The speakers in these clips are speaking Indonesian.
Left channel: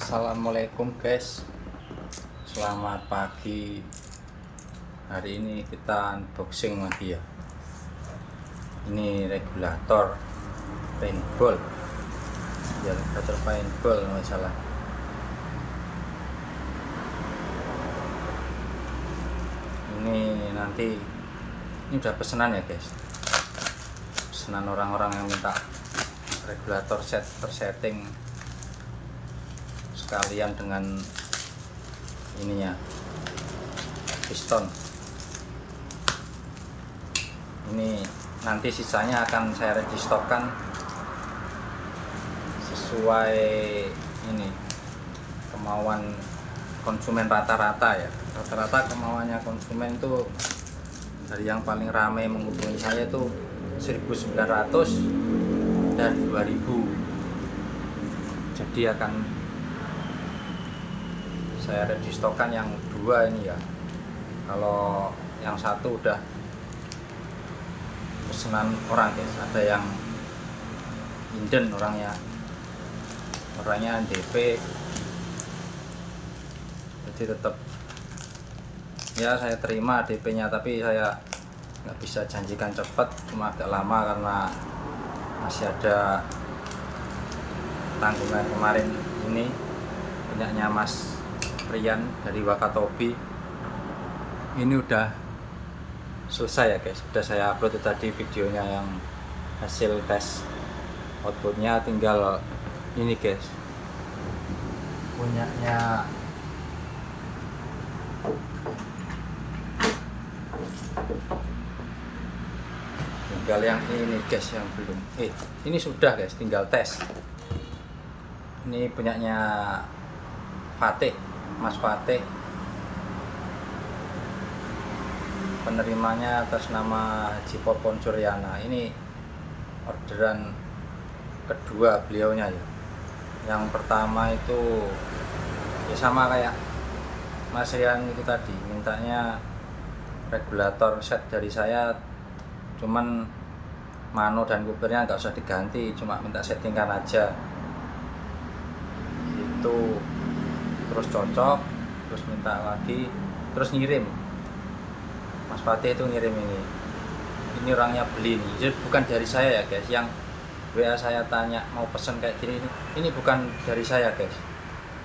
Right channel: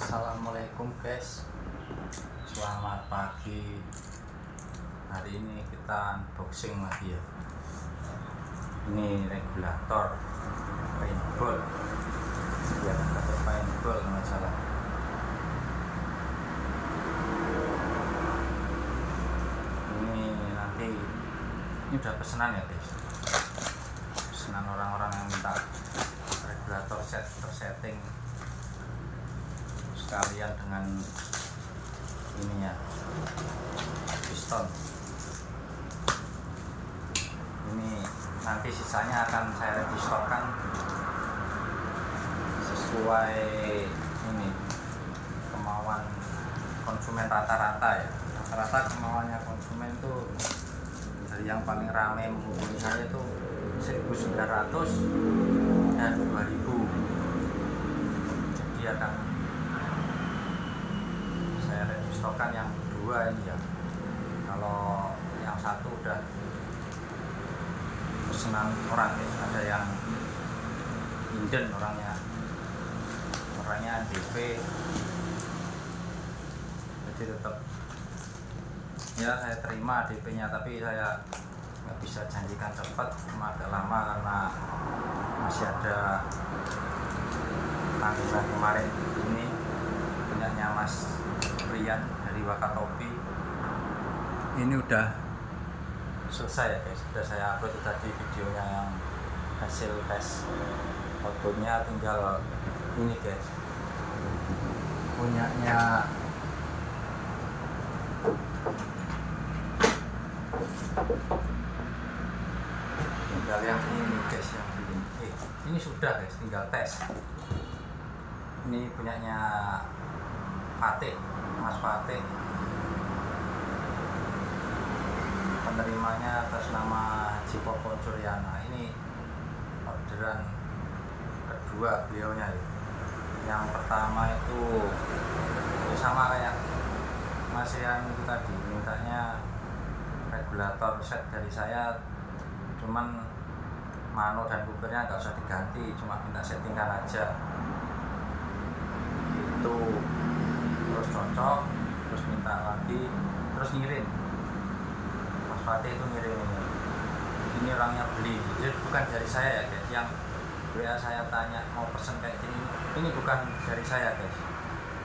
Assalamualaikum guys, selamat pagi. Hari ini kita unboxing lagi ya. Ini regulator paintball, ya regulator paintball nggak salah. Ini nanti ini udah pesanan ya guys, pesanan orang-orang yang minta regulator set tersetting sekalian dengan ininya piston. Ini nanti sisanya akan saya ready stockkan sesuai ini kemauan konsumen rata-rata ya. Rata-rata kemauannya konsumen tuh dari yang paling ramai menghubungi saya tuh 1.900 dan 2.000. Jadi akan saya ready stockkan yang dua ini ya. Kalau yang satu udah pesanan orang guys, ada yang inden orangnya DP, jadi tetap ya saya terima DP nya, tapi saya nggak bisa janjikan cepat, cuma agak lama karena masih ada tanggungan kemarin ini punyanya Mas Rian dari Wakatobi. Ini udah selesai ya guys, udah saya upload tadi videonya yang hasil tes outputnya, tinggal ini guys punyanya tinggal yang ini guys, yang belum ini sudah guys, tinggal tes. Ini punyanya Fatih, Mas Fatih, penerimanya atas nama Haji Popon Suryana. Ini orderan kedua beliaunya ya. Yang pertama itu sama kayak Mas Rian itu tadi, mintanya regulator set dari saya, cuman mano dan kupernya nggak usah diganti, cuma minta settingkan aja itu. Terus cocok, terus minta lagi, terus ngirim. Mas Fatih itu ngirim ini orangnya beli nih, jadi bukan dari saya ya guys. Yang WA saya tanya mau pesen kayak gini, ini bukan dari saya guys,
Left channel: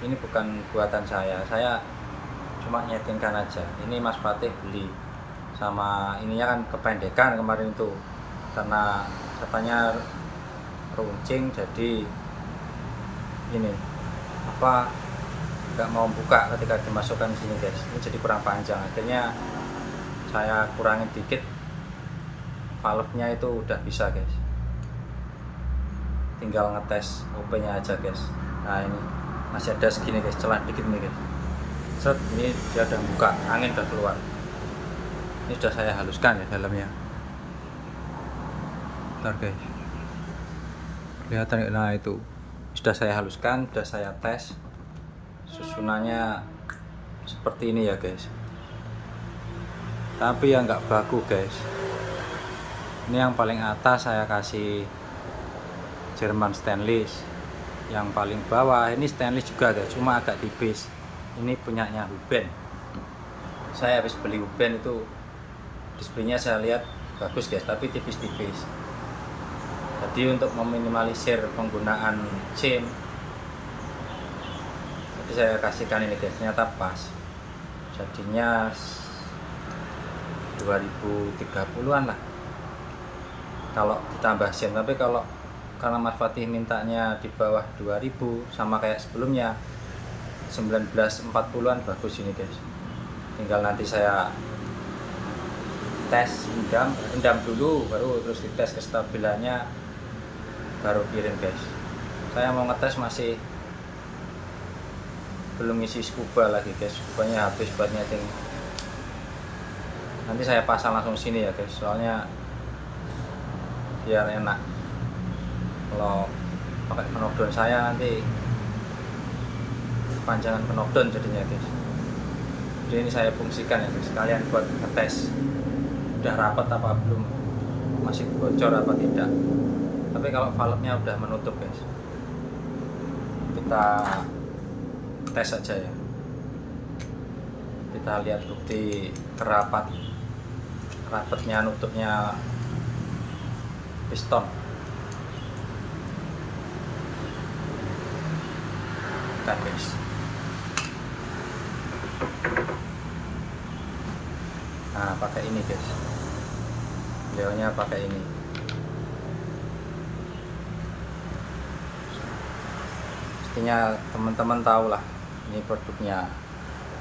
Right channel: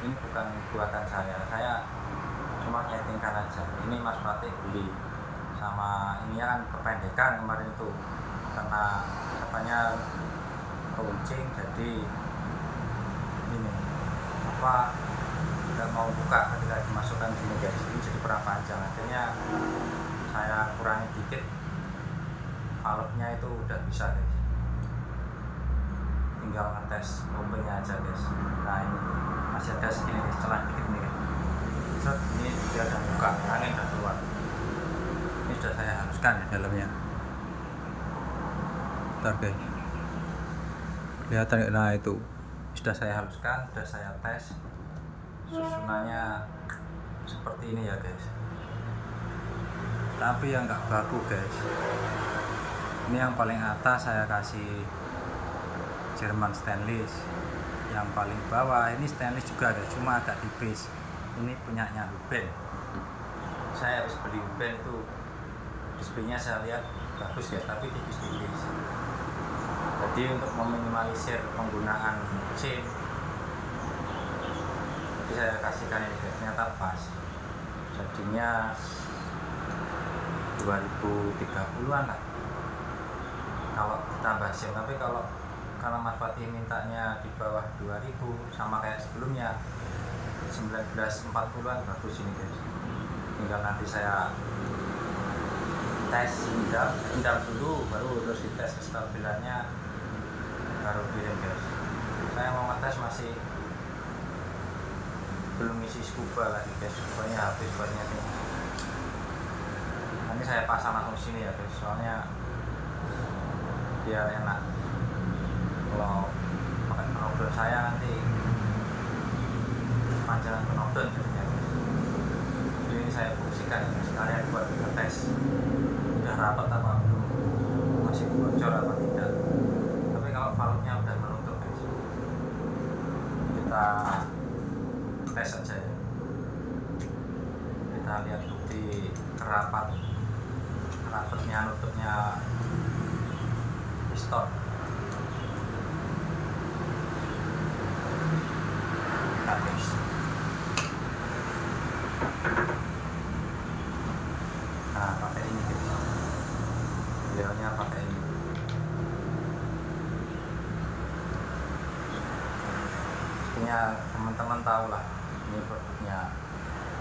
ini bukan buatan saya cuma nyetingkan aja. Ini Mas Fatih beli, sama ininya kan kependekan kemarin itu karena katanya runcing, jadi ini apa nggak mau buka ketika dimasukkan di sini guys, ini jadi kurang panjang. Akhirnya saya kurangin dikit, valve-nya itu udah bisa guys, tinggal ngetes OP nya aja guys. Nah ini masih ada segini guys, celah dikit nih guys. Set, ini dia udah buka, angin udah keluar. Ini sudah saya haluskan ya dalamnya. Bentar guys, kelihatan nggak? Nah itu sudah saya haluskan, sudah saya tes. Susunannya seperti ini ya guys, tapi yang nggak baku guys. Ini yang paling atas saya kasih Jerman stainless, yang paling bawah ini stainless juga guys, cuma agak tipis. Ini punyanya Huben, saya habis beli Huben itu, displaynya saya lihat bagus guys, tapi tipis-tipis. Jadi untuk meminimalisir penggunaan chain, saya kasihkan ini guys, ternyata pas, jadinya 2030-an lah kalau ditambah sen. Tapi kalau karena Mas Fatih mintanya di bawah 2000 sama kayak sebelumnya 1940-an, bagus ini guys. Tinggal nanti saya tes endam dulu, baru terus dites kestabilannya, baru kirim guys. Saya mau ngetes masih belum isi scuba lagi guys, scubanya habis buat nyeting. Nanti saya pasang langsung sini ya guys, soalnya biar enak. Kalau pakai knockdown saya nanti panjangan knockdown jadinya guys. Jadi ini saya fungsikan ya guys, sekalian buat ngetes udah rapat apa belum, masih bocor apa tidak. Tapi kalau valve nya udah menutup guys, kita tes saja ya. Kita lihat bukti rapatnya nutupnya piston. Kita tes. Nah, pakai ini guys. Beliaunya pakai ini. Pastinya teman-teman tahu lah ini produknya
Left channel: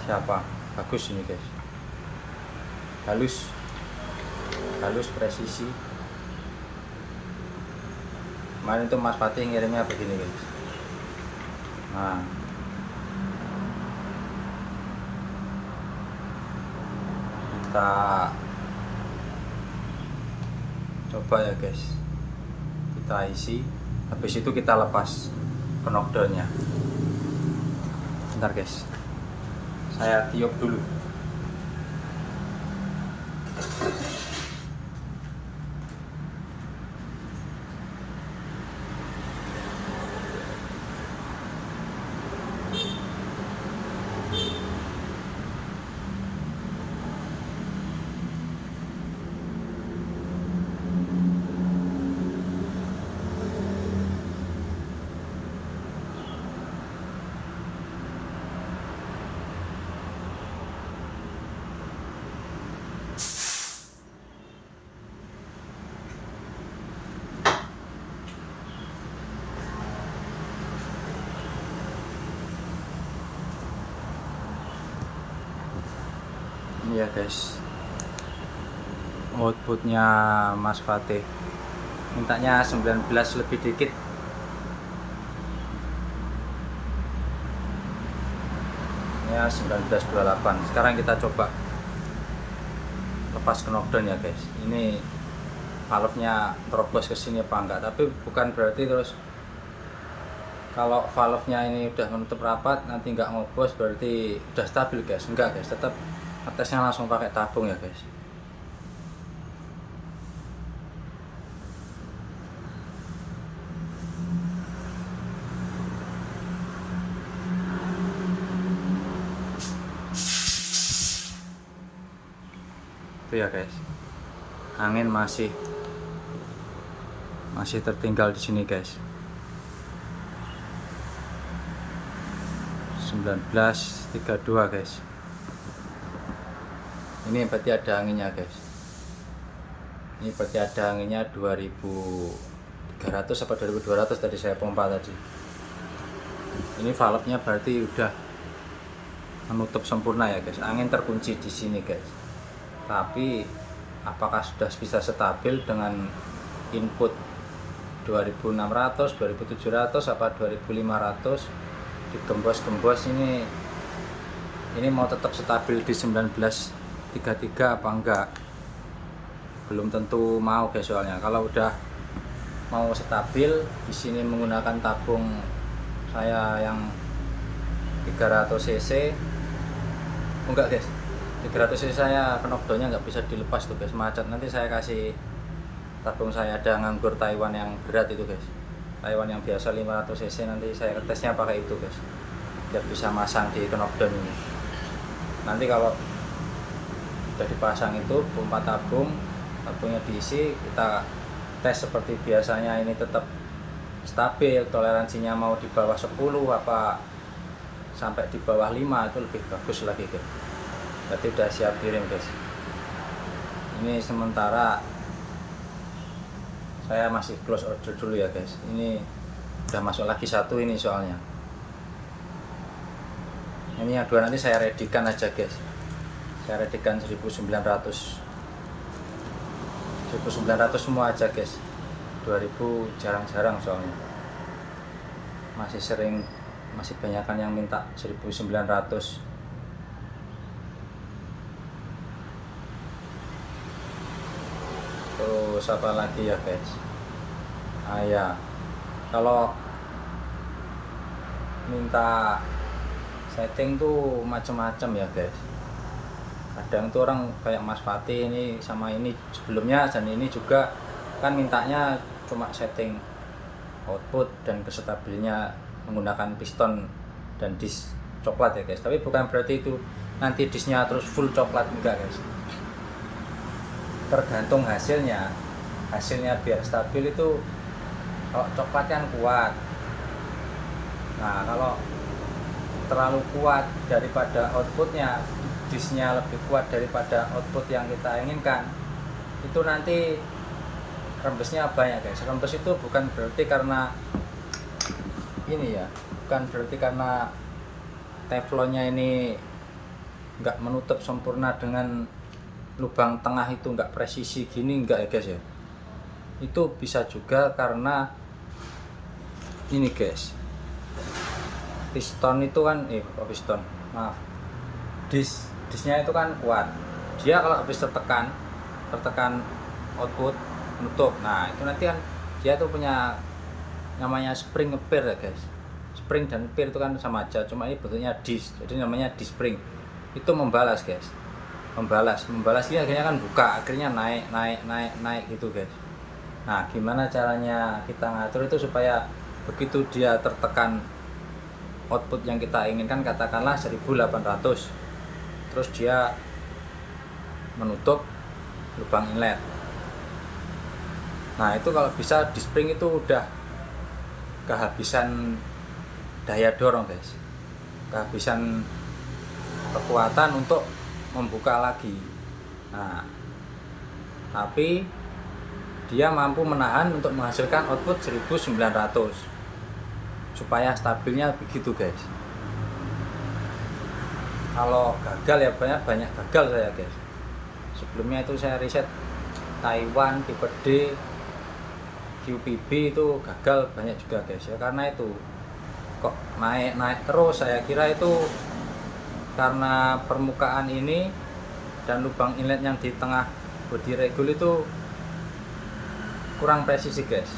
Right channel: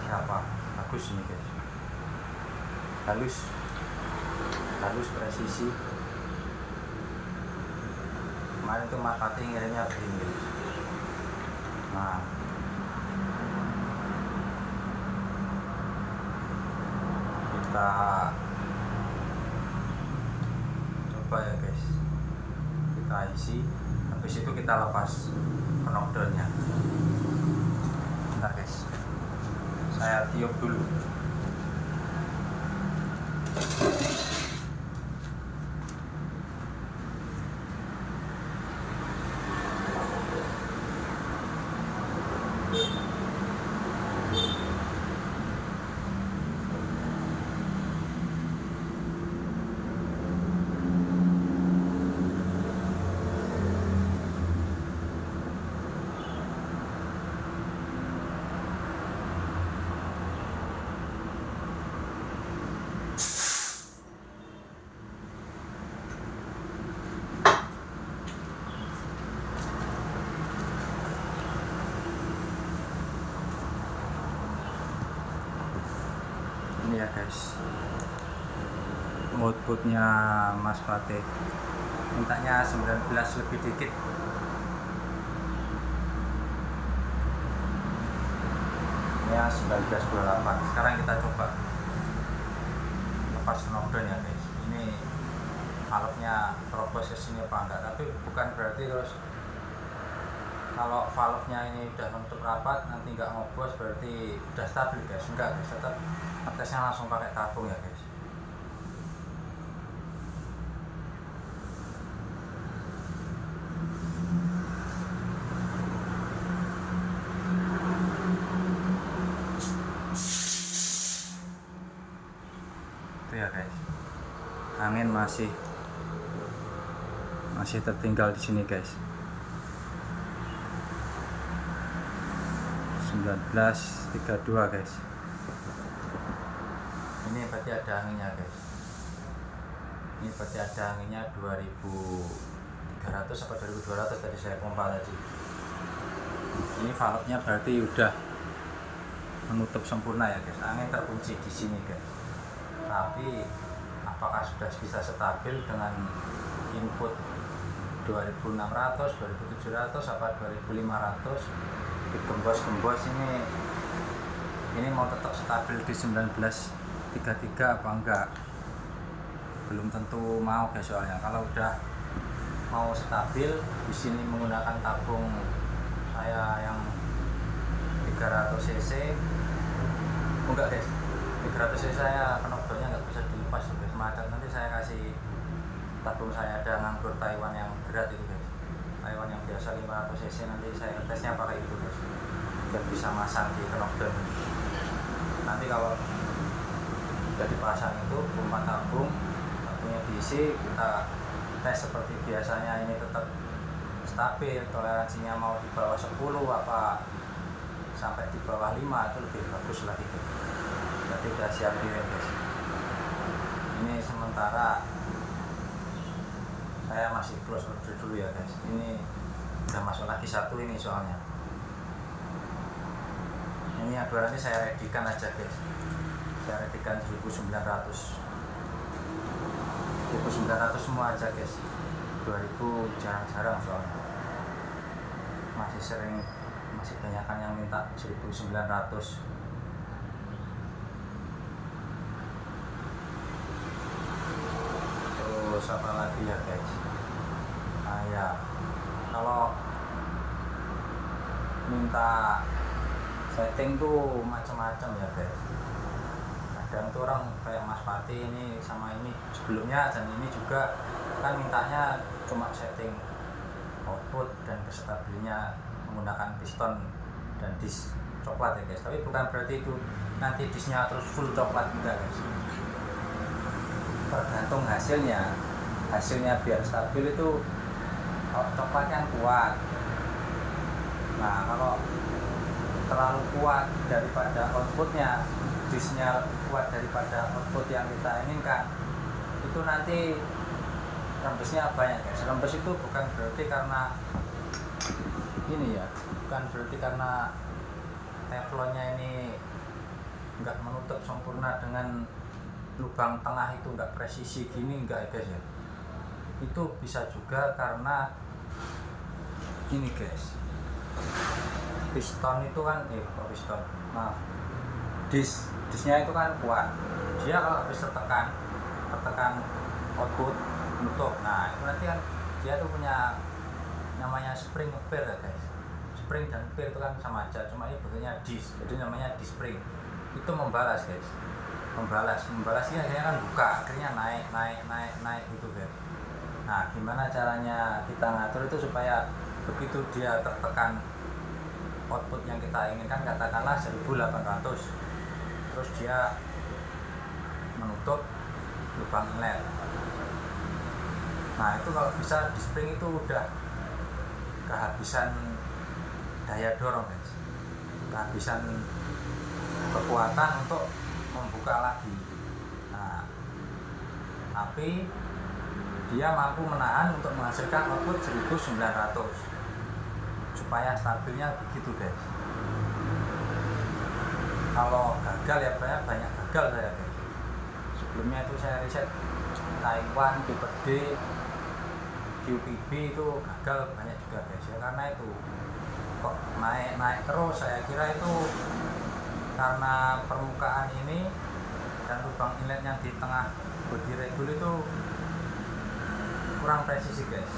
siapa. Bagus ini guys, halus presisi. Kemarin tuh Mas Fatih ngirimnya begini guys. Nah, kita coba ya guys, kita isi, habis itu kita lepas knockdownnya. Bentar guys, saya tiup dulu. Ini ya guys, outputnya Mas Fatih, mintanya 19 lebih dikit. Ya 1928. Sekarang kita coba lepas knockdown ya guys. Ini valve-nya terobos ke sini apa enggak, tapi bukan berarti terus kalau valve-nya ini udah menutup rapat nanti nggak ngobos berarti udah stabil guys. Enggak guys, tetap tesnya langsung pakai tabung ya guys. Itu ya guys, angin masih tertinggal di sini guys. 1932 guys. Ini berarti ada anginnya guys. Ini berarti ada anginnya 2300 atau 2200 tadi saya pompa tadi. Ini valve-nya berarti udah menutup sempurna ya guys. Angin terkunci di sini guys. Tapi apakah sudah bisa stabil dengan input 2600, 2700 apa 2500 digembos-gembos ini mau tetap stabil di 1933 apa enggak? Belum tentu mau guys, soalnya kalau udah mau stabil di sini menggunakan tabung saya yang 300 cc. Enggak guys, 300 cc saya knockdownnya nggak bisa dilepas tuh guys, macet. Nanti saya kasih tabung saya ada nganggur Taiwan yang berat itu guys, Taiwan yang biasa 500 cc, nanti saya tesnya pakai itu guys biar bisa masang di knockdown ini. Nanti kalau udah dipasang itu pompa tabungnya diisi, kita tes seperti biasanya. Ini tetap stabil, toleransinya mau di bawah 10 apa sampai di bawah 5 itu lebih bagus lagi guys. Berarti udah siap kirim guys. Ini sementara saya masih close order dulu ya guys. Ini udah masuk lagi satu ini soalnya. Ini yang dua nanti saya readykan aja guys. Saya readykan 1900 semua aja guys. 2000 jarang-jarang soalnya. Masih banyakan yang minta 1900. Terus apa lagi ya guys? Ya, kalau minta setting tuh macam-macam ya guys. Kadang tuh orang kayak Mas Fatih ini sama ini sebelumnya dan ini juga kan mintanya cuma setting output dan kestabilnya menggunakan piston dan disk coklat ya guys, tapi bukan berarti itu nanti disnya terus full coklat, enggak guys, tergantung hasilnya biar stabil itu kalau coklat kan kuat. Nah kalau terlalu kuat daripada outputnya, disnya lebih kuat daripada output yang kita inginkan, itu nanti rembesnya banyak guys. Rembes itu bukan berarti karena ini ya, bukan berarti karena teflonnya ini nggak menutup sempurna dengan lubang tengah itu nggak presisi gini, enggak ya guys ya. Itu bisa juga karena ini guys, piston itu kan piston, maaf, disnya itu kan kuat. Dia kalau habis tertekan output nutup. Nah itu nanti kan dia tuh punya namanya spring ngeper ya guys. Spring dan per itu kan sama aja, cuma ini bentuknya dis, jadi namanya dis spring. Itu membalas guys, membalas dia akhirnya kan buka, akhirnya naik gitu guys. Nah gimana caranya kita ngatur itu supaya begitu dia tertekan output yang kita inginkan, katakanlah 1800, terus dia menutup lubang inlet. Nah itu kalau bisa di spring itu udah kehabisan daya dorong guys, kehabisan kekuatan untuk membuka lagi. Nah tapi dia mampu menahan untuk menghasilkan output 1900 supaya stabilnya begitu guys. Kalau gagal ya banyak gagal saya guys. Sebelumnya itu saya riset Taiwan, tipe D, QPB itu gagal banyak juga guys ya, karena itu kok naik terus. Saya kira itu karena permukaan ini dan lubang inlet yang di tengah body regul itu kurang presisi guys.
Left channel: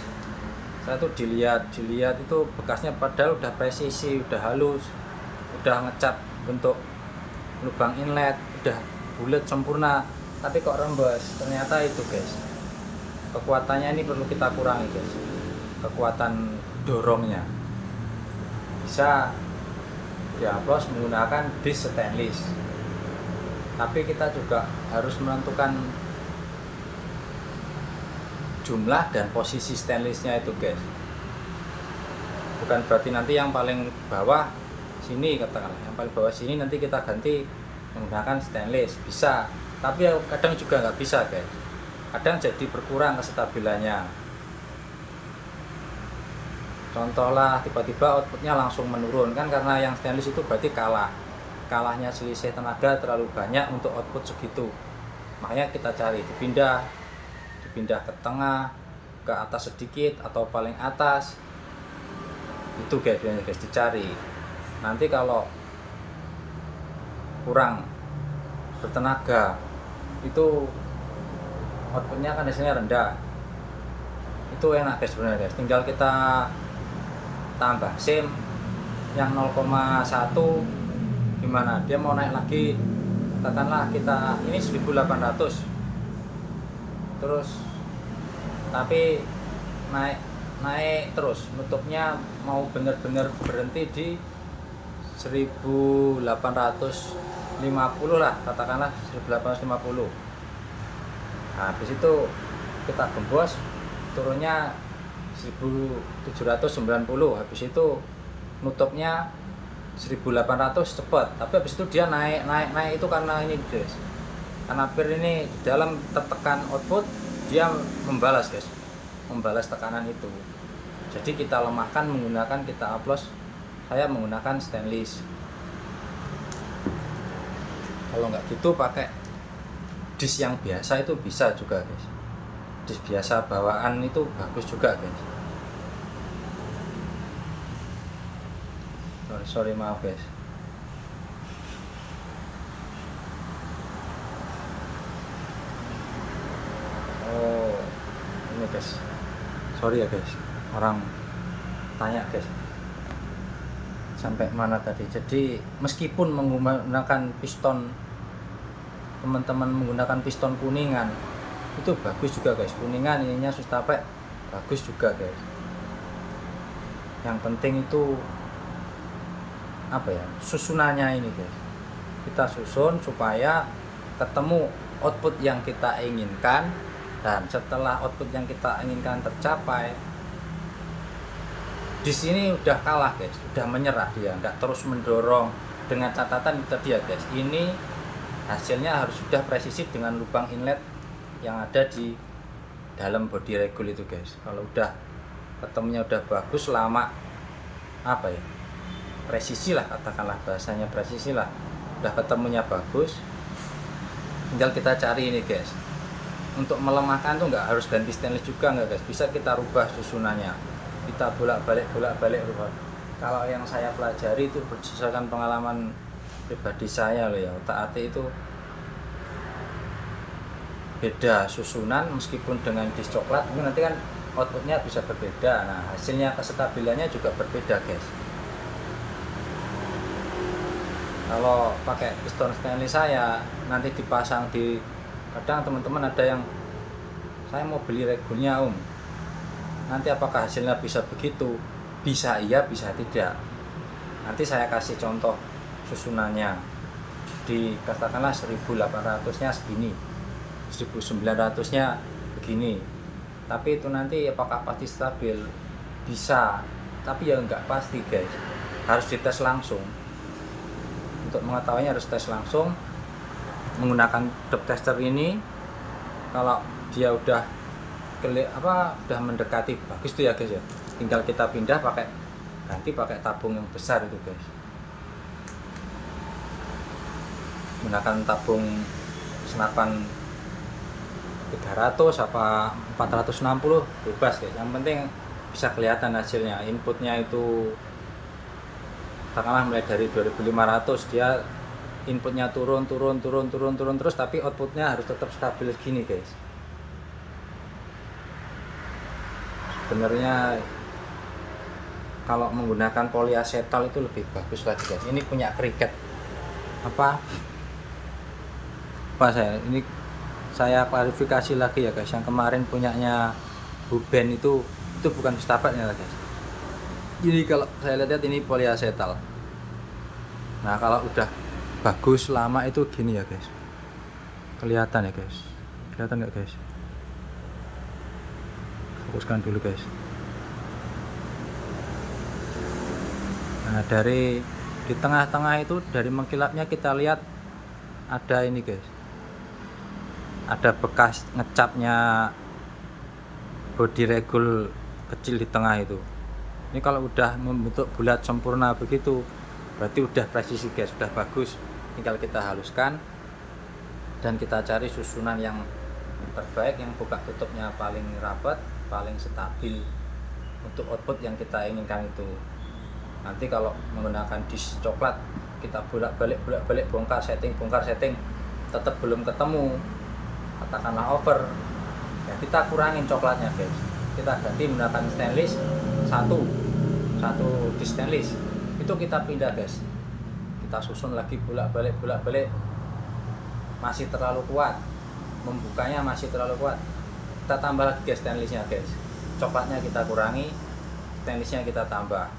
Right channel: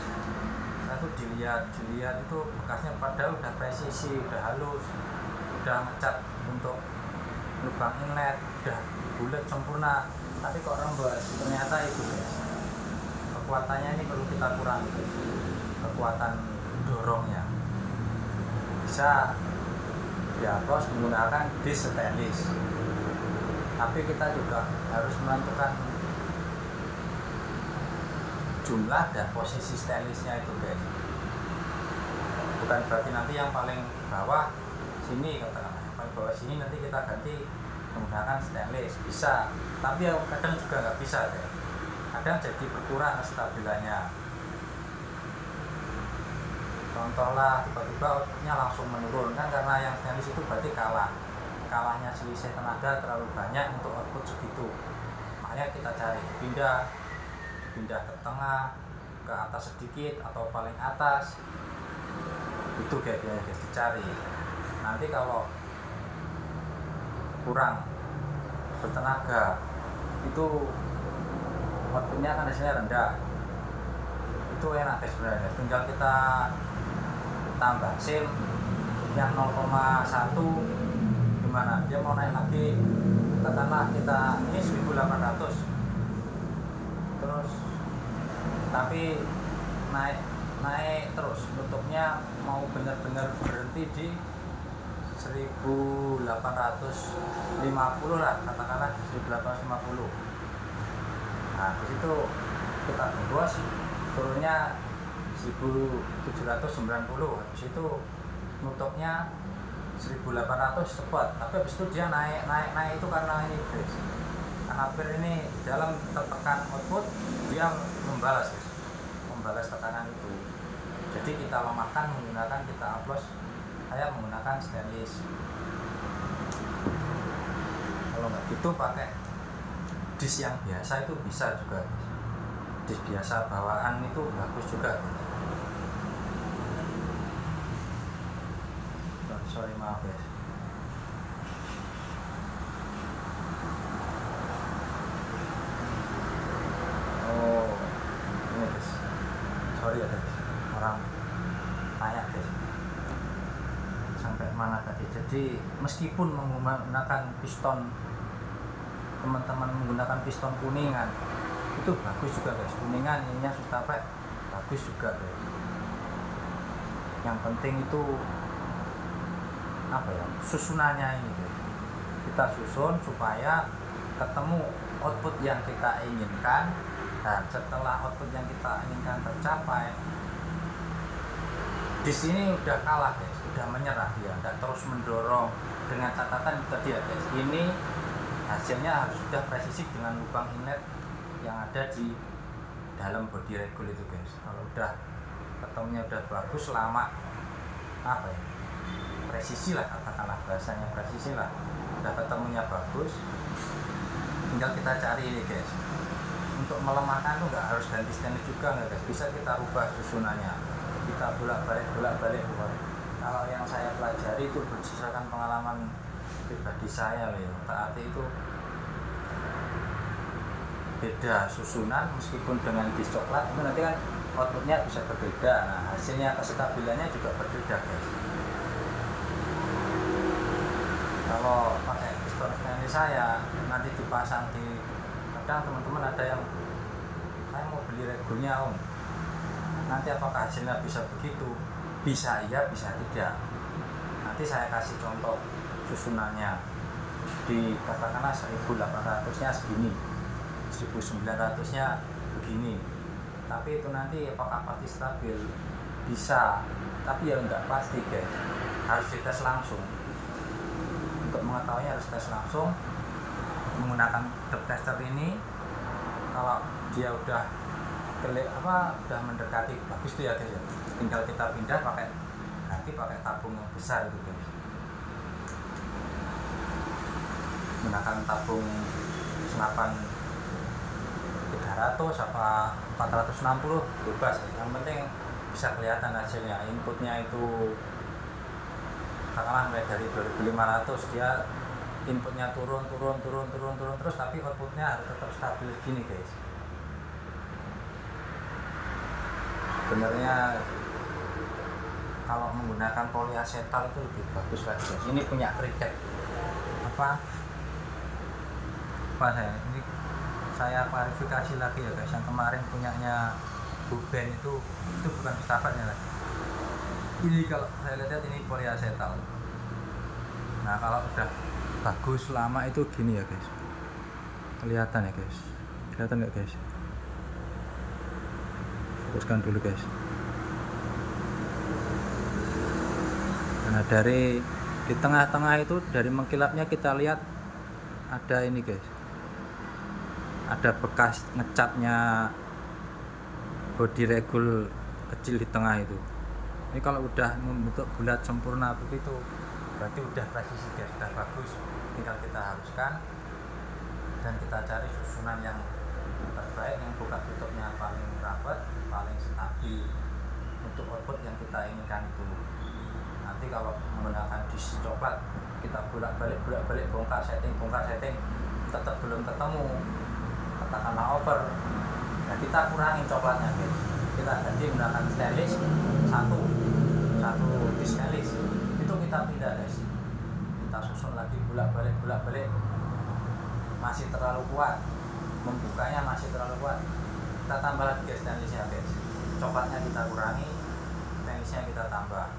Saya tuh dilihat itu bekasnya padahal udah presisi, udah halus, udah ngecat bentuk lubang inlet, udah bulat sempurna, tapi kok rembes. Ternyata itu guys, kekuatannya ini perlu kita kurangi guys, kekuatan dorongnya. Bisa ya bos menggunakan dis stainless, tapi kita juga harus menentukan jumlah dan posisi stainlessnya itu guys. Bukan berarti nanti yang paling bawah sini, katakanlah yang paling bawah sini nanti kita ganti menggunakan stainless, bisa, tapi kadang juga nggak bisa guys, kadang jadi berkurang kestabilannya. Contoh lah, tiba-tiba outputnya langsung menurun kan, karena yang stainless itu berarti kalahnya selisih tenaga terlalu banyak untuk output segitu. Makanya kita cari dipindah ke tengah, ke atas sedikit atau paling atas, itu guys dicari. Nanti kalau kurang bertenaga itu outputnya kan hasilnya rendah, itu enak guys sebenarnya. Tinggal kita tambah sim yang 0,1, gimana dia mau naik lagi, katakanlah kita ini 1800, terus tapi naik terus, nutupnya mau benar-benar berhenti di 1850 lah, katakanlah 1850. Nah habis itu kita gembos, turunnya 1790, habis itu nutupnya 1800 cepat, tapi habis itu dia naik itu karena ini guys, karena per ini dalam tertekan output dia membalas guys, membalas tekanan itu. Jadi kita lemahkan menggunakan, kita oplos, saya menggunakan stainless. Kalau nggak gitu pakai dis yang biasa itu bisa juga guys, dis biasa bawaan itu bagus juga guys. Sorry maaf guys. Oh ini guys, sorry ya guys, orang tanya guys sampai mana tadi. Jadi meskipun menggunakan piston, teman-teman menggunakan piston kuningan itu bagus juga guys, kuningan ininya Sustapek bagus juga guys. Yang penting itu apa ya, susunannya ini guys. Kita susun supaya ketemu output yang kita inginkan, dan setelah output yang kita inginkan tercapai, di sini udah kalah guys, udah menyerah dia, nggak terus mendorong. Dengan catatan itu tadi ya guys, ini hasilnya harus sudah presisi dengan lubang inlet yang ada di dalam body regul itu guys. Kalau udah ketemunya udah bagus, lama apa ya, presisi lah, katakanlah bahasanya presisi lah, udah ketemunya bagus, tinggal kita cari ini guys. Untuk melemahkan tuh nggak harus ganti stainless juga nggak guys, bisa kita rubah susunannya, kita bolak-balik rubah. Kalau yang saya pelajari itu berdasarkan pengalaman pribadi saya loh ya, otak-atik itu beda susunan meskipun dengan dis coklat, nanti kan outputnya bisa berbeda. Nah, hasilnya kestabilannya juga berbeda guys. Kalau pakai piston stainless saya nanti dipasang di, kadang teman-teman ada yang saya mau beli regulnya om, nanti apakah hasilnya bisa begitu? Bisa iya, bisa tidak. Nanti saya kasih contoh susunannya, di katakanlah 1800 nya segini, 1900 nya begini, tapi itu nanti apakah pasti stabil? Bisa, tapi ya enggak pasti guys, harus dites langsung. Untuk mengetahuinya harus tes langsung menggunakan depth tester ini. Kalau dia udah udah mendekati bagus tuh ya guys ya, tinggal kita pindah ganti pakai tabung yang besar itu guys, menggunakan tabung senapan 300 apa 460 bebas guys, yang penting bisa kelihatan hasilnya. Inputnya itu katakanlah mulai dari 2500, dia inputnya turun terus, tapi outputnya harus tetap stabil gini guys. Sebenarnya kalau menggunakan polyasetal itu lebih bagus lagi guys. Ini punya Cricut ini saya klarifikasi lagi ya guys, yang kemarin punyanya Ruben itu bukan stapatnya guys. Ini kalau saya lihat ini polyasetal. Nah, kalau udah bagus lama itu gini ya guys, kelihatan ya guys, kelihatan nggak guys? Fokuskan dulu guys. Nah, dari di tengah-tengah itu, dari mengkilapnya kita lihat ada ini guys, ada bekas ngecapnya body regul kecil di tengah itu. Ini kalau udah membentuk bulat sempurna begitu, berarti udah presisi guys, sudah bagus. Tinggal kita haluskan dan kita cari susunan yang terbaik, yang buka tutupnya paling rapat, paling stabil untuk output yang kita inginkan itu. Nanti kalau menggunakan dis coklat, kita bolak-balik bongkar setting tetap belum ketemu, katakanlah over, ya kita kurangin coklatnya guys, kita ganti menggunakan stainless, satu dis stainless itu kita pindah guys, kita susun lagi bolak-balik, masih terlalu kuat, membukanya masih terlalu kuat, kita tambah lagi guys stainlessnya guys, coklatnya kita kurangi, stainlessnya kita tambah.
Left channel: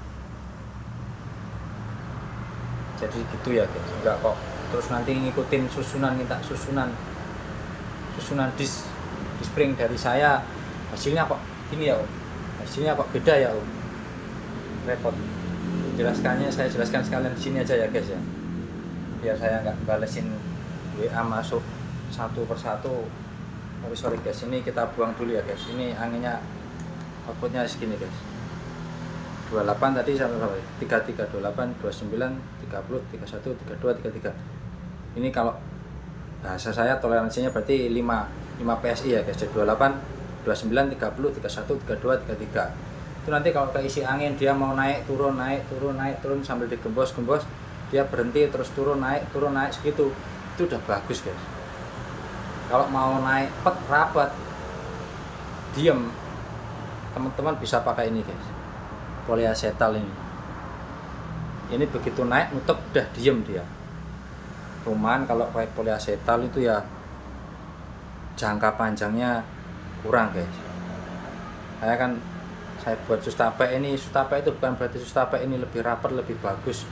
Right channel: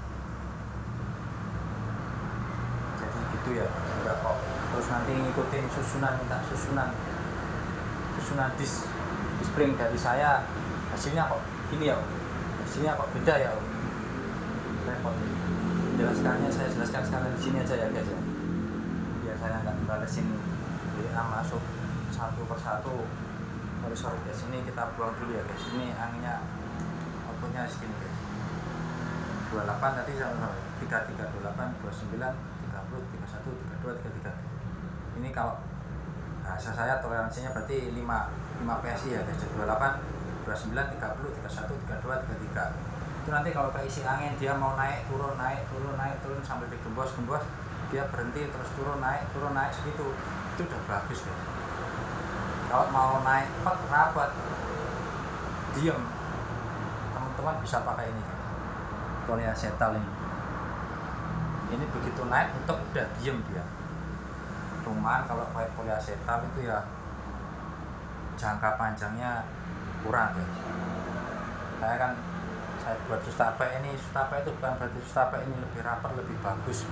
Jadi gitu ya guys, enggak kok terus nanti ngikutin minta susunan dis spring dari saya, hasilnya kok gini ya om, hasilnya kok beda ya om, repot. Saya jelaskan sekalian di sini aja ya guys ya, biar saya nggak balesin WA masuk satu persatu. Sorry guys, ini kita buang dulu ya guys, ini anginnya outputnya segini guys, 28 tadi sampai 33, 28, 29, 30, 31, 32, 33. Ini kalau bahasa saya toleransinya berarti 5 PSI ya guys, 28, 29, 30, 31, 32, 33. Itu nanti kalau keisi angin dia mau naik turun sambil digembos, dia berhenti terus turun naik segitu, itu udah bagus guys. Kalau mau naik rapat diem, teman-teman bisa pakai ini guys, polyasetal ini begitu naik nutup udah diem dia. Cuman kalau pakai polyasetal itu ya jangka panjangnya kurang guys. Saya buat Sustape itu bukan berarti Sustape ini lebih rapat, lebih bagus.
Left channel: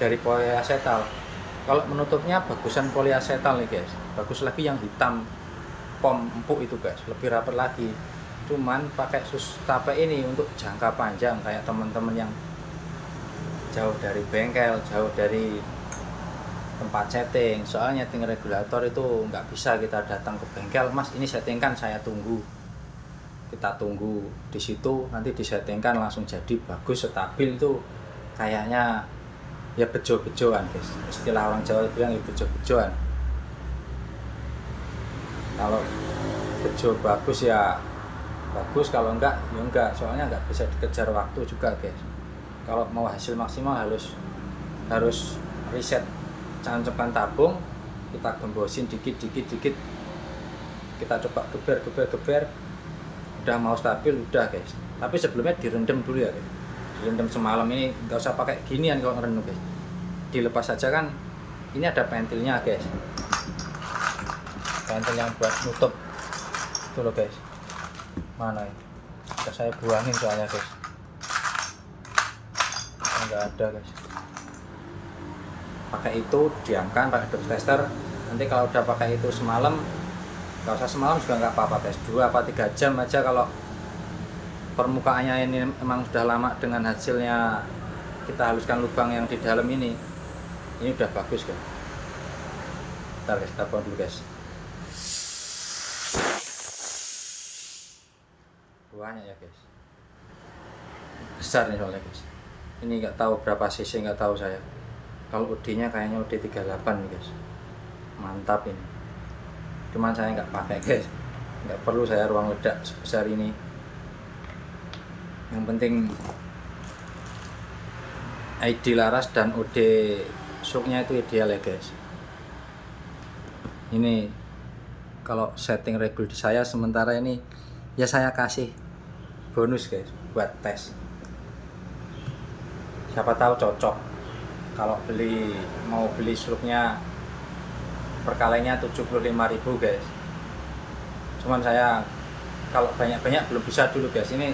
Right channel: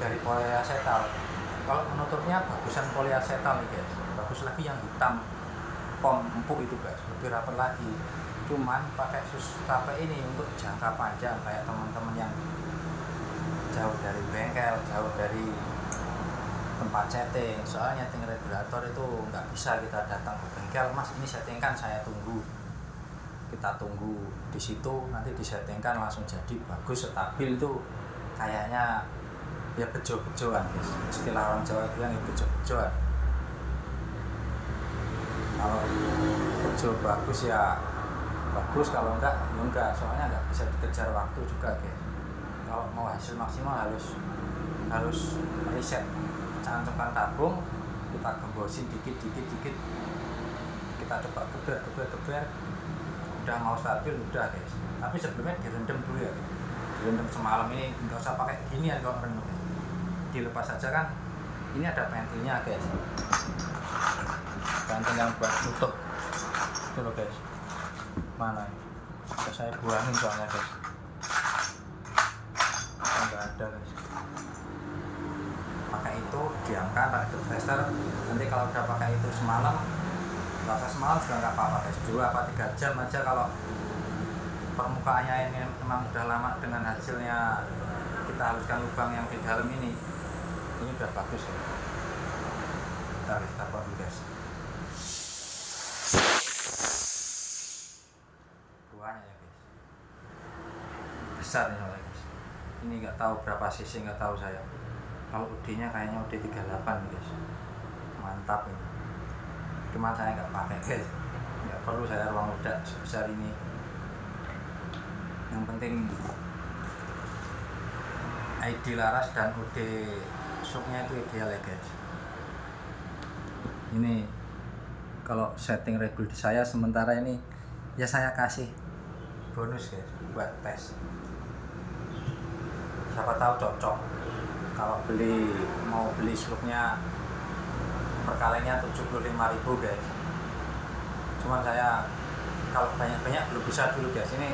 dari poliasetal. Kalau menutupnya bagusan poliasetal nih guys, bagus lagi yang hitam pom empuk itu guys, lebih rapat lagi. Cuman pakai sus tape ini untuk jangka panjang kayak teman-teman yang jauh dari bengkel, jauh dari tempat setting. Soalnya setting regulator itu nggak bisa kita datang ke bengkel, mas ini settingkan, saya tunggu. Kita tunggu di situ, nanti disettingkan langsung jadi bagus stabil. Itu kayaknya ya bejo-bejoan guys, istilah orang Jawa bilang ya bejo-bejoan. Kalau bejo bagus ya bagus, kalau enggak ya enggak, soalnya enggak bisa dikejar waktu juga guys. Kalau mau hasil maksimal harus riset, cancokkan tabung, kita gembosin dikit, kita coba geber, udah mau stabil udah guys. Tapi sebelumnya direndam dulu ya guys. Direndam semalam, ini nggak usah pakai ginian kalau ngerendam guys, dilepas saja kan. Ini ada pentilnya guys, pentil yang buat nutup itu loh guys. Mana ya? Saya buangin soalnya guys, nggak ada guys. Pakai itu diangkat pakai dust tester. Nanti kalau udah pakai itu semalam, nggak usah semalam juga nggak apa-apa guys, 2 apa 3 jam aja. Kalau permukaannya ini emang sudah lama dengan hasilnya kita haluskan lubang yang di dalam ini udah bagus guys. Bentar guys, kita buang dulu guys. Buahnya ya guys, besar nih soalnya guys. Ini nggak tahu berapa cc, nggak tahu saya. Kalau UD nya kayaknya UD 38 nih guys, mantap ini. Cuman saya nggak pakai guys, nggak perlu saya ruang ledak sebesar ini. Yang penting ID laras dan UD shocknya itu ideal ya guys. Ini kalau setting regul di saya sementara ini ya saya kasih bonus guys buat tes, siapa tahu cocok. Kalau mau beli shocknya perkalainya 75.000 guys. Cuman saya kalau banyak belum bisa dulu guys. Ini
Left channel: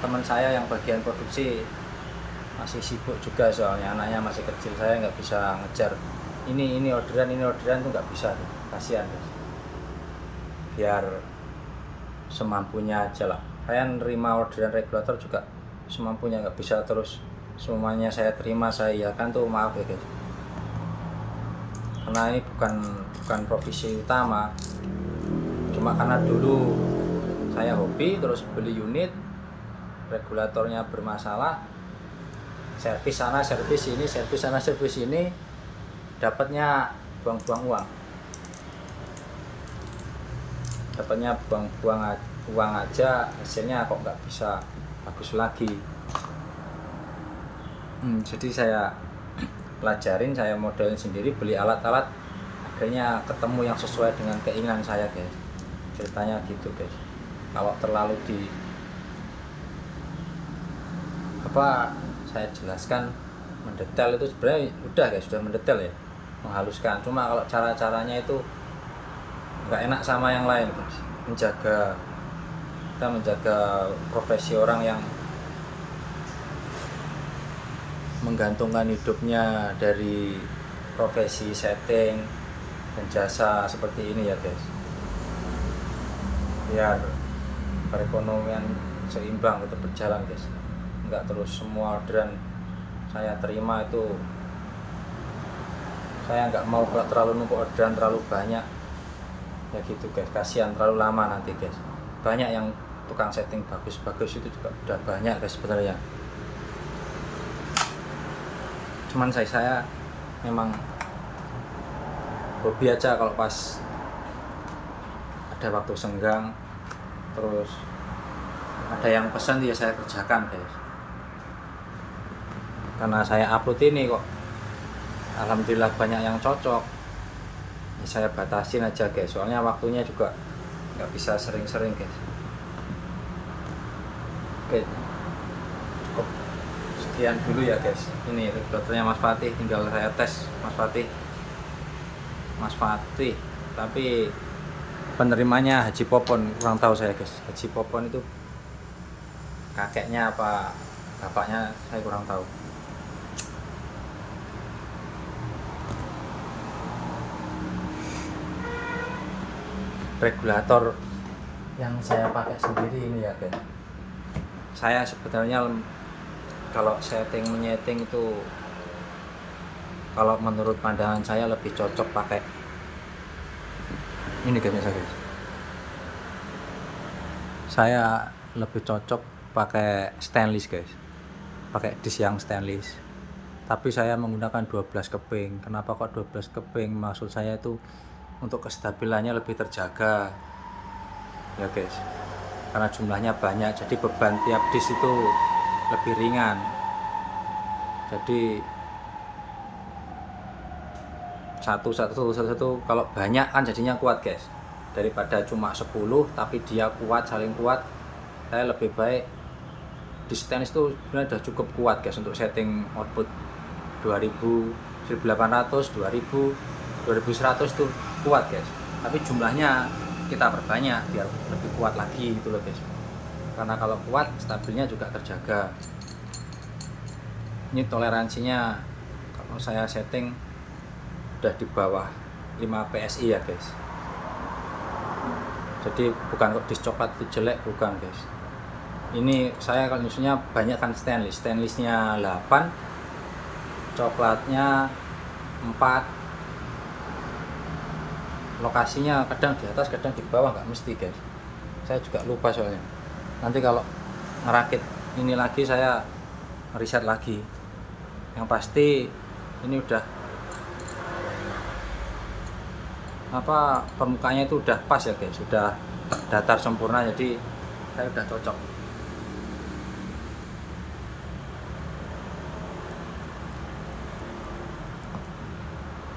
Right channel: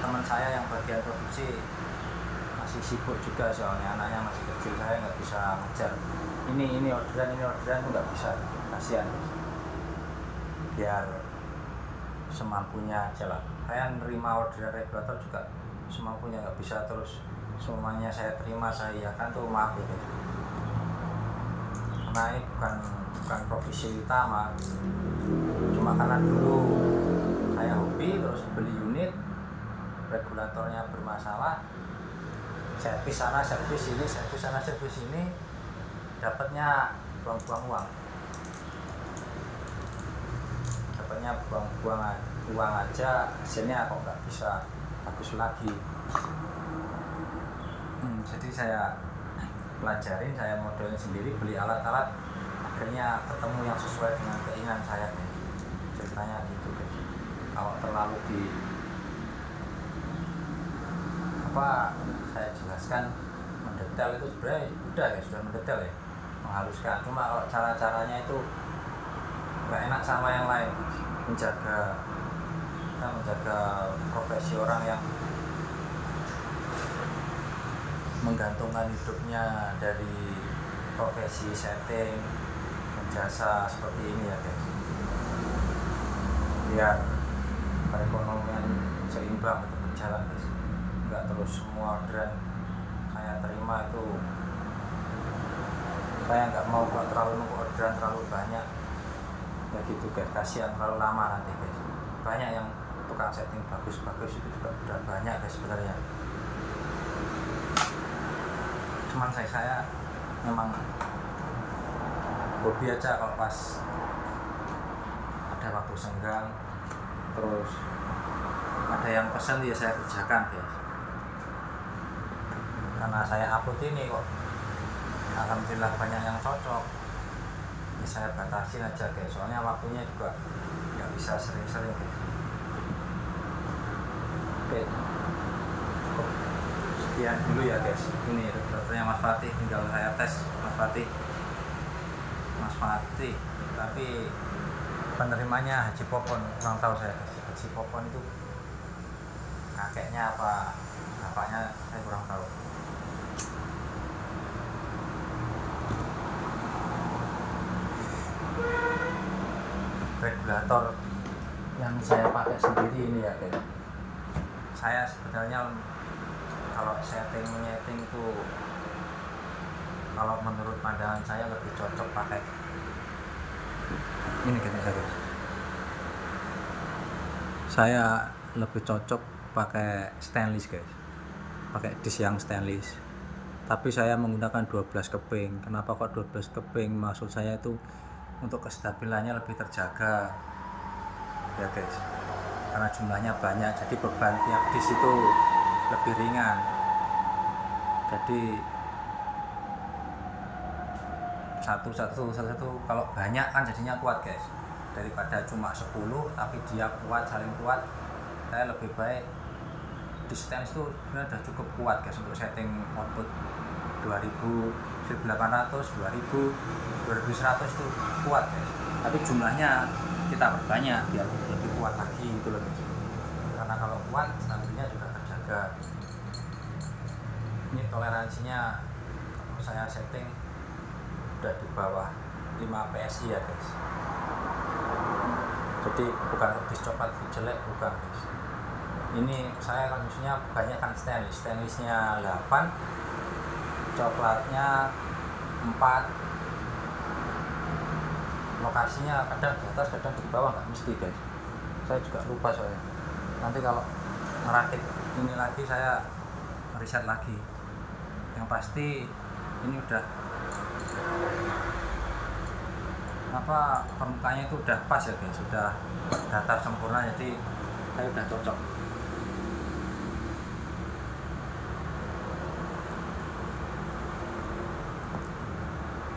teman saya yang bagian produksi masih sibuk juga, soalnya anaknya masih kecil, saya nggak bisa ngejar ini orderan itu nggak bisa, kasihan guys. Biar semampunya aja lah. Saya nerima orderan regulator juga semampunya, nggak bisa terus semuanya saya terima saya iakan tuh, maaf ya guys. Karena ini bukan profesi utama, cuma karena dulu saya hobi terus beli unit regulatornya bermasalah, servis sana servis ini, servis sana servis ini, dapatnya buang-buang uang, uang aja, hasilnya kok nggak bisa bagus lagi. Jadi saya pelajarin, saya modelin sendiri, beli alat-alat, akhirnya ketemu yang sesuai dengan keinginan saya guys. Ceritanya gitu guys. Kalau terlalu saya jelaskan mendetail itu sebenarnya udah guys, sudah mendetail ya, menghaluskan. Cuma kalau cara-caranya itu nggak enak sama yang lain guys. Kita menjaga profesi orang yang menggantungkan hidupnya dari profesi setting dan jasa seperti ini ya guys, biar perekonomian seimbang untuk berjalan guys. Nggak terus semua orderan saya terima itu, saya nggak mau kalau terlalu numpuk orderan terlalu banyak ya gitu guys, kasihan terlalu lama nanti guys. Banyak yang tukang setting bagus-bagus itu juga udah banyak guys sebenarnya. Cuman saya memang hobi aja, kalau pas ada waktu senggang terus ada yang pesan ya saya kerjakan guys. Karena saya upload ini kok alhamdulillah banyak yang cocok ya, saya batasin aja guys, soalnya waktunya juga nggak bisa sering-sering guys. Oke, cukup sekian dulu ya guys. Ini regulatornya Mas Fatih, tinggal saya tes Mas Fatih, tapi penerimanya Haji Popon, kurang tahu saya guys. Haji Popon itu kakeknya apa bapaknya saya kurang tahu. regulator yang saya pakai sendiri ini ya guys. Saya sebenarnya kalau nyeting itu, kalau menurut pandangan saya lebih cocok pakai ini guys. Saya lebih cocok pakai stainless guys, pakai disk yang stainless. Tapi saya menggunakan 12 keping. Kenapa kok 12 keping? Maksud saya itu untuk kestabilannya lebih terjaga ya guys, karena jumlahnya banyak, jadi beban tiap disk itu lebih ringan. Jadi satu kalau banyak kan jadinya kuat guys, daripada cuma 10 tapi dia kuat, saling kuat. Saya lebih baik di stainless itu sebenarnya udah cukup kuat guys untuk setting output 2000, 1800, 2000, 2100 itu kuat guys. Tapi jumlahnya kita perbanyak biar lebih kuat lagi gitu loh guys, karena kalau kuat stabilnya juga terjaga. Ini toleransinya kalau saya setting udah di bawah 5 PSI ya guys. Jadi bukan kok disk coklat itu jelek, bukan guys. Ini saya kalau musuhnya banyak kan stainlessnya 8, coklatnya 4. Lokasinya kadang di atas, kadang di bawah, nggak mesti guys. Saya juga lupa soalnya. Nanti kalau merakit ini lagi saya riset lagi. Yang pasti ini udah permukaannya itu udah pas ya guys, sudah datar sempurna, jadi saya udah cocok.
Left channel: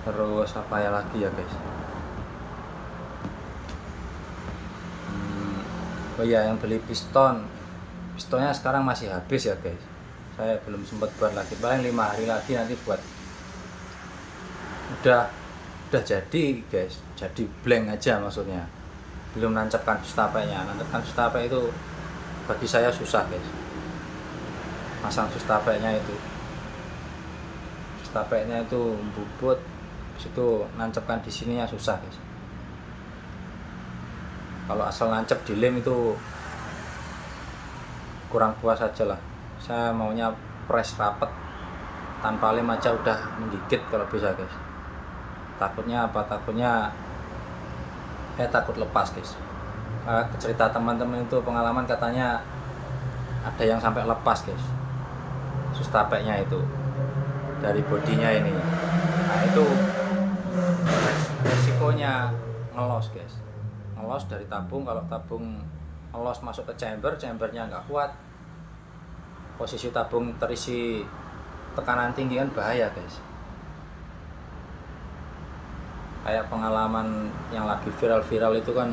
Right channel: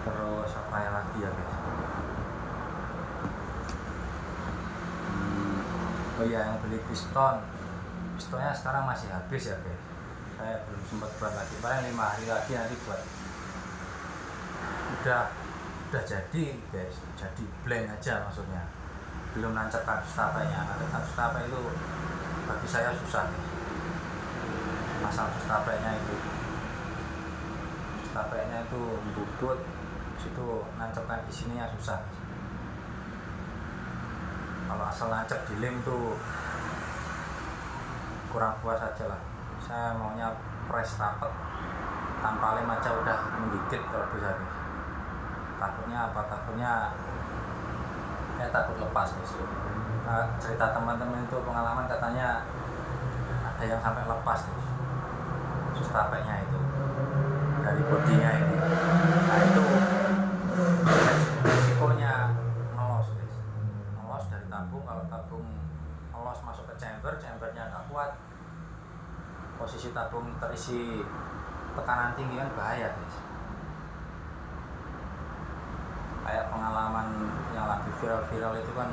Terus apa ya lagi ya guys? Oh iya, yang beli pistonnya sekarang masih habis ya guys. Saya belum sempat buat lagi, paling 5 hari lagi nanti buat. Udah jadi guys, jadi blank aja maksudnya, belum nancapkan sustapenya. Nancapkan sustape itu bagi saya susah guys, masang sustapenya itu bubut, situ nancapkan di sininya susah guys. Kalau asal nancap di lem itu kurang puas aja lah. Saya maunya press rapet tanpa lem aja udah menggigit kalau bisa guys. Takutnya apa? Takutnya saya takut lepas guys. Cerita teman-teman itu pengalaman, katanya ada yang sampai lepas guys sustapenya itu dari bodinya ini. Nah itu resikonya ngelos guys, ngelos dari tabung. Kalau tabung ngelos masuk ke chambernya nggak kuat, posisi tabung terisi tekanan tinggi kan bahaya guys. Kayak pengalaman yang lagi viral itu kan,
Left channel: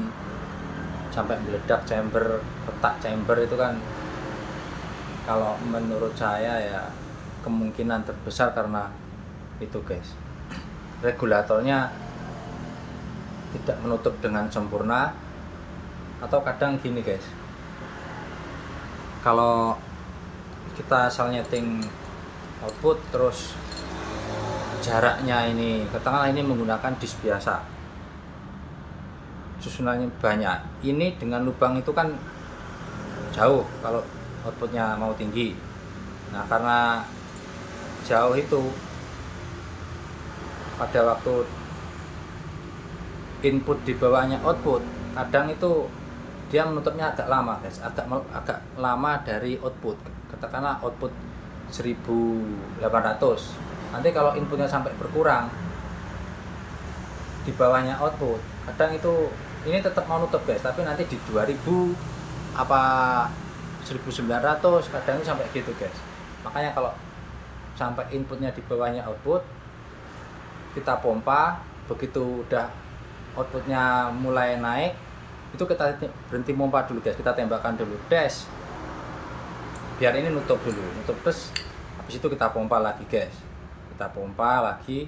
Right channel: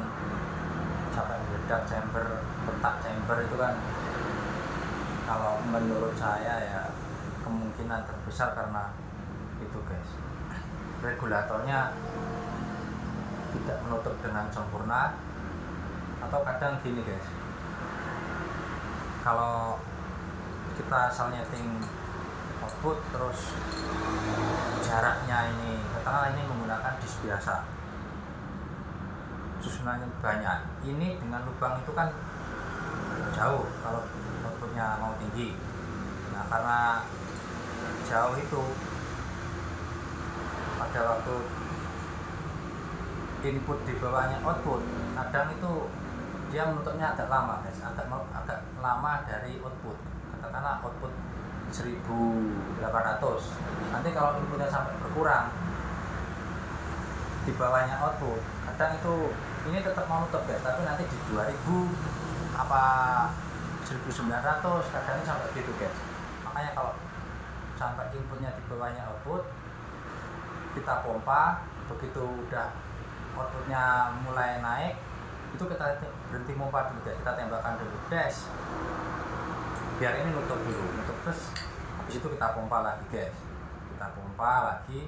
sampai meledak retak chamber itu kan. Kalau menurut saya ya kemungkinan terbesar karena itu guys, regulatornya tidak menutup dengan sempurna. Atau kadang gini guys, kalau kita asal nyeting output terus jaraknya ini ke tengah, ini menggunakan disk biasa, susunannya banyak. Ini dengan lubang itu kan jauh kalau outputnya mau tinggi. Nah karena jauh itu, pada waktu input di bawahnya output, kadang itu dia menutupnya agak lama guys, agak lama dari output. Katakanlah output 1800, nanti kalau inputnya sampai berkurang di bawahnya output, kadang itu ini tetap mau nutup guys, tapi nanti di 2000 apa 1900 kadang ini sampai gitu guys. Makanya kalau sampai inputnya di bawahnya output, kita pompa. Begitu udah outputnya mulai naik, itu kita berhenti pompa dulu guys, kita tembakkan dulu dash biar ini nutup dulu, terus habis itu kita pompa lagi guys, kita pompa lagi,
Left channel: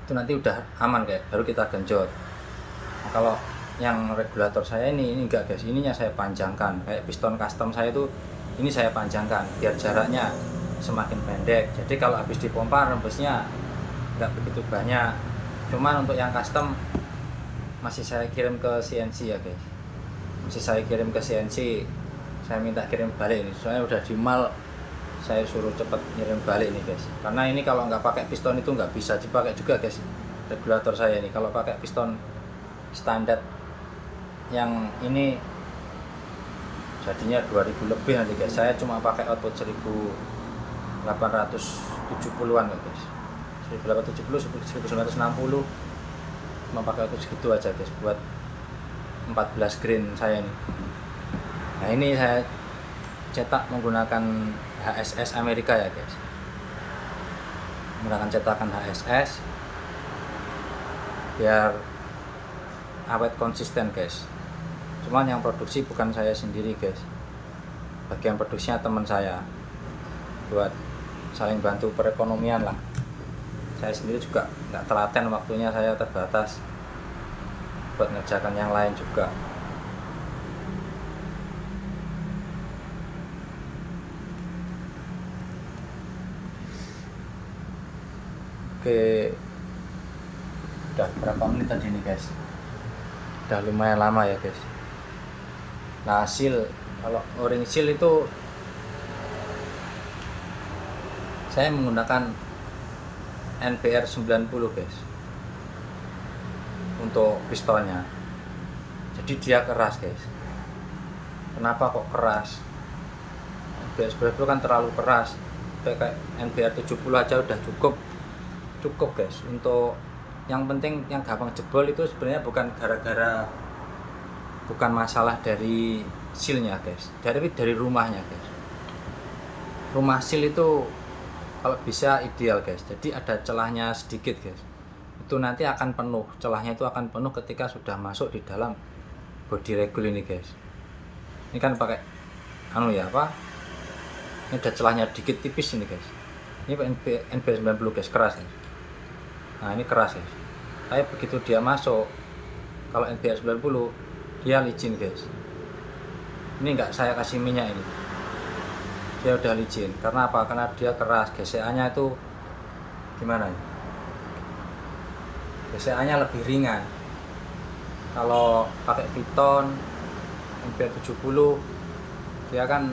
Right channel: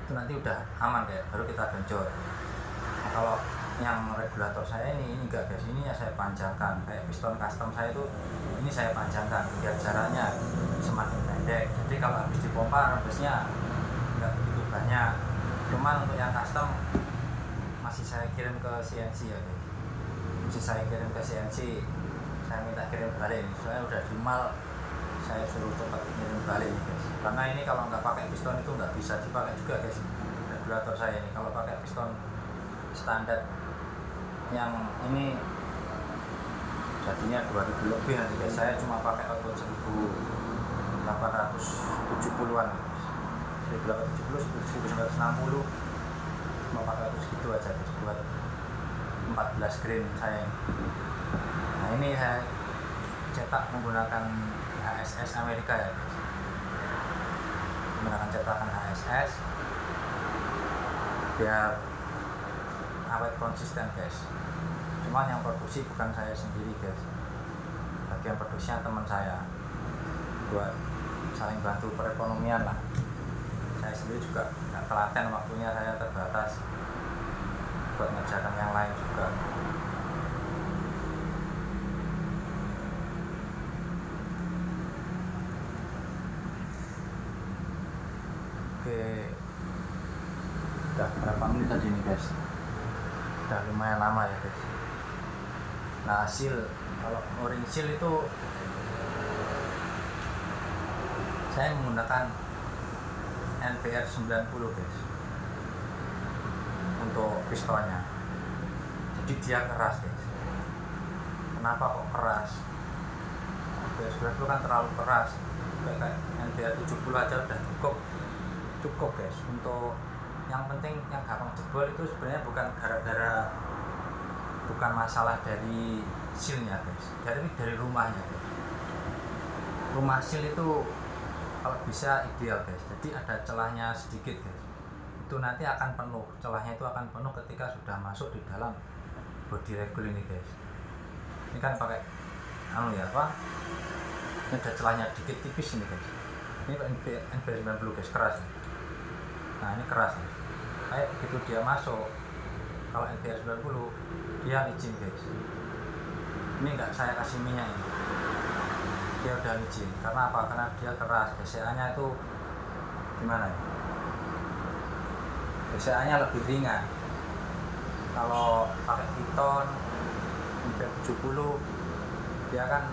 itu nanti udah aman guys, baru kita genjot. Nah, kalau yang regulator saya ini enggak guys, ininya saya panjangkan, kayak piston custom saya itu ini saya panjangkan biar jaraknya semakin pendek. Jadi kalau habis dipompa rembesnya enggak begitu banyak. Cuman untuk yang custom masih saya kirim ke CNC ya guys, masih saya kirim ke CNC, saya minta kirim balik ini soalnya udah di mal, saya suruh cepet ngirim balik nih guys, karena ini kalau nggak pakai piston itu nggak bisa dipakai juga guys regulator saya ini. Kalau pakai piston standar yang ini jadinya 2000 lebih nanti guys, saya cuma pakai output 1870-an guys, 1870 1960 cuma pakai output segitu aja guys buat 14 grain saya ini. Nah ini saya cetak menggunakan HSS Amerika ya guys, menggunakan cetakan HSS biar awet konsisten guys. Cuman yang produksi bukan saya sendiri guys, bagian produksinya teman saya, buat saling bantu perekonomian lah. Saya sendiri juga nggak telaten, waktunya saya terbatas buat ngerjakan yang lain juga. Oke, udah berapa menit tadi nih guys, udah lumayan lama ya guys. Nah hasil, kalau o-ring seal itu saya menggunakan NPR 90 guys untuk pistonnya, jadi dia keras guys. Kenapa kok keras? NPR 90 kan terlalu keras, kayak NPR 70 aja udah cukup guys. Untuk yang penting yang gampang jebol itu sebenarnya bukan masalah dari sealnya guys, dari rumahnya guys. Rumah seal itu kalau bisa ideal guys, jadi ada celahnya sedikit guys, itu nanti akan penuh, celahnya itu akan penuh ketika sudah masuk di dalam body regul ini guys. Ini kan pakai ini ada celahnya dikit tipis ini guys. Ini NPR 90 guys, keras guys. Nah ini keras guys, tapi begitu dia masuk, kalau NPR 90 dia licin guys. Ini enggak saya kasih minyak ini, dia udah licin. Karena apa? Karena dia keras, gesekannya itu gimana ya, gesekannya lebih ringan. Kalau pakai piton NPR 70 dia kan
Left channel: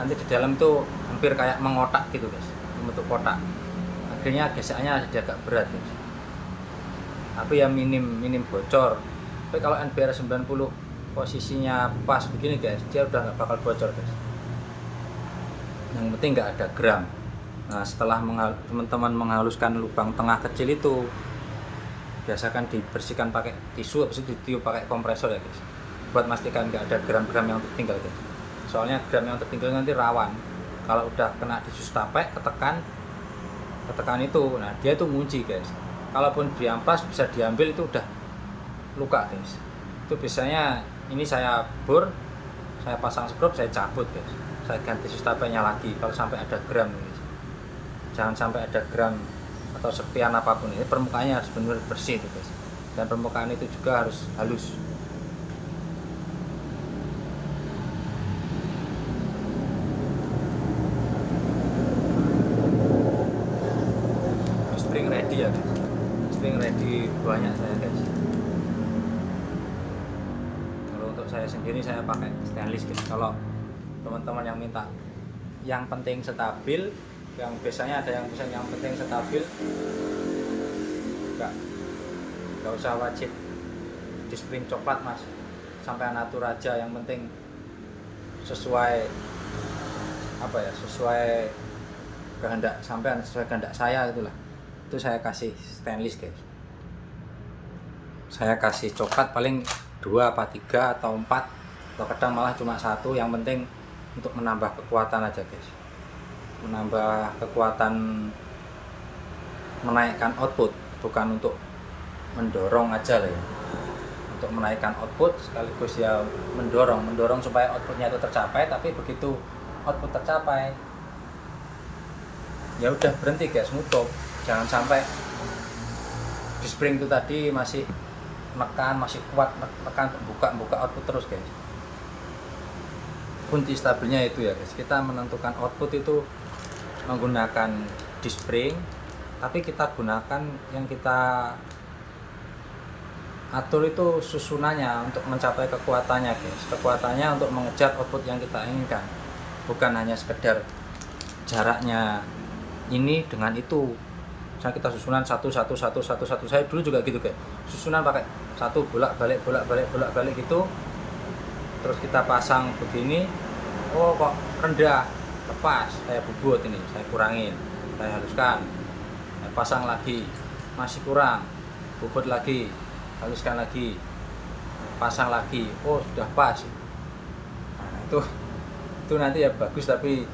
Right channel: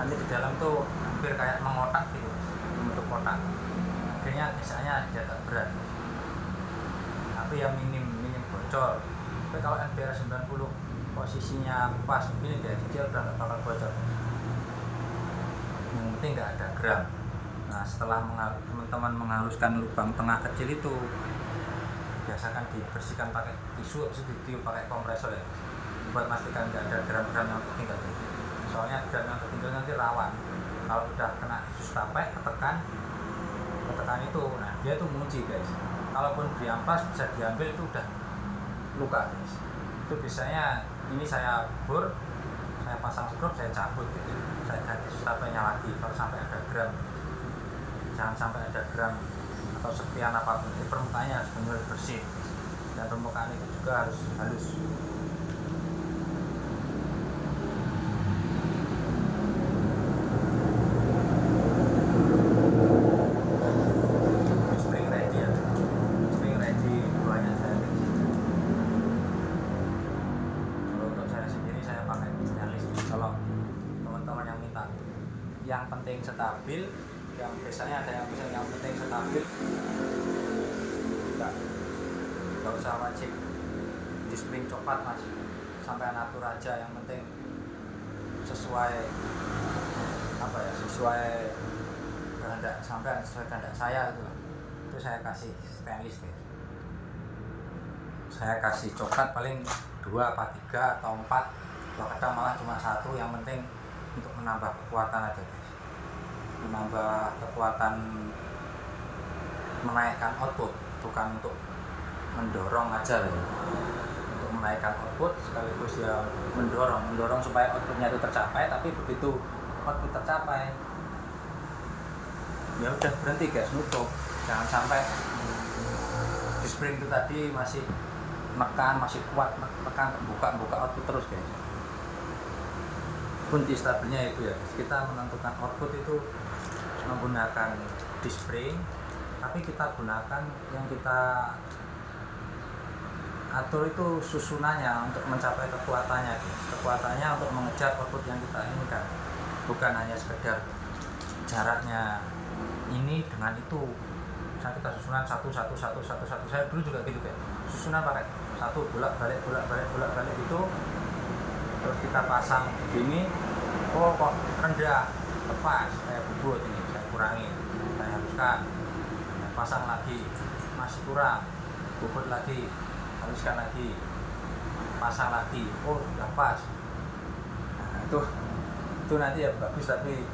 nanti di dalam tuh hampir kayak mengotak gitu guys, membentuk kotak, akhirnya gesekannya jadi agak berat guys. Tapi ya minim bocor. Tapi kalau NPR 90 posisinya pas begini guys, dia udah nggak bakal bocor guys. Yang penting nggak ada gram. Nah setelah teman-teman menghaluskan lubang tengah kecil itu, biasakan dibersihkan pakai tisu, habis itu ditiup pakai kompresor ya guys, buat memastikan nggak ada gram-gram yang tertinggal guys. Soalnya gram yang tertinggal nanti rawan kalau udah kena tisu tape, ketekan itu, nah dia tuh ngunci guys. Kalaupun diampas bisa diambil, itu udah luka guys. Itu biasanya ini saya bor, saya pasang skrup, saya cabut guys, saya ganti sustapenya lagi kalau sampai ada gram guys. Jangan sampai ada gram atau sepian apapun. Ini permukaannya harus benar bersih guys, dan permukaan itu juga harus halus. Spring ready ya guys, spring ready banyak saya guys. Kalau untuk saya sendiri saya pakai stainless guys. Kalau teman-teman yang minta yang penting stabil, yang biasanya ada yang bisa yang penting stabil, nggak usah wajib di spring coklat mas, sampai natur aja, yang penting sesuai sesuai kehendak sampean, sesuai kehendak saya, itulah itu saya kasih stainless guys. Saya kasih coklat paling 2 apa 3 atau 4, atau kadang malah cuma 1, yang penting untuk menambah kekuatan aja guys, menambah kekuatan, menaikkan output, bukan untuk mendorong aja lah ya. Untuk menaikkan output sekaligus ya mendorong supaya outputnya itu tercapai. Tapi begitu output tercapai ya udah berhenti guys, nutup. Jangan sampai di spring itu tadi masih menekan, masih kuat menekan, buka output terus guys. Kunci stabilnya itu ya guys, kita menentukan output itu menggunakan disc spring, tapi kita gunakan yang kita atur itu susunannya untuk mencapai kekuatannya guys, kekuatannya untuk mengejar output yang kita inginkan, bukan hanya sekedar jaraknya ini dengan itu. Misalnya kita susunan satu, saya dulu juga gitu guys, susunan pakai satu bolak balik gitu, terus kita pasang begini, oh kok rendah, lepas, saya bubut ini, saya kurangin, saya haluskan, saya pasang lagi, masih kurang, bubut lagi, haluskan lagi, pasang lagi, oh sudah pas. Nah, itu nanti ya bagus, tapi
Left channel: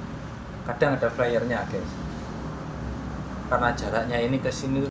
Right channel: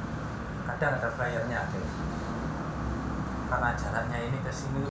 kadang ada flyernya guys, karena jaraknya ini ke sini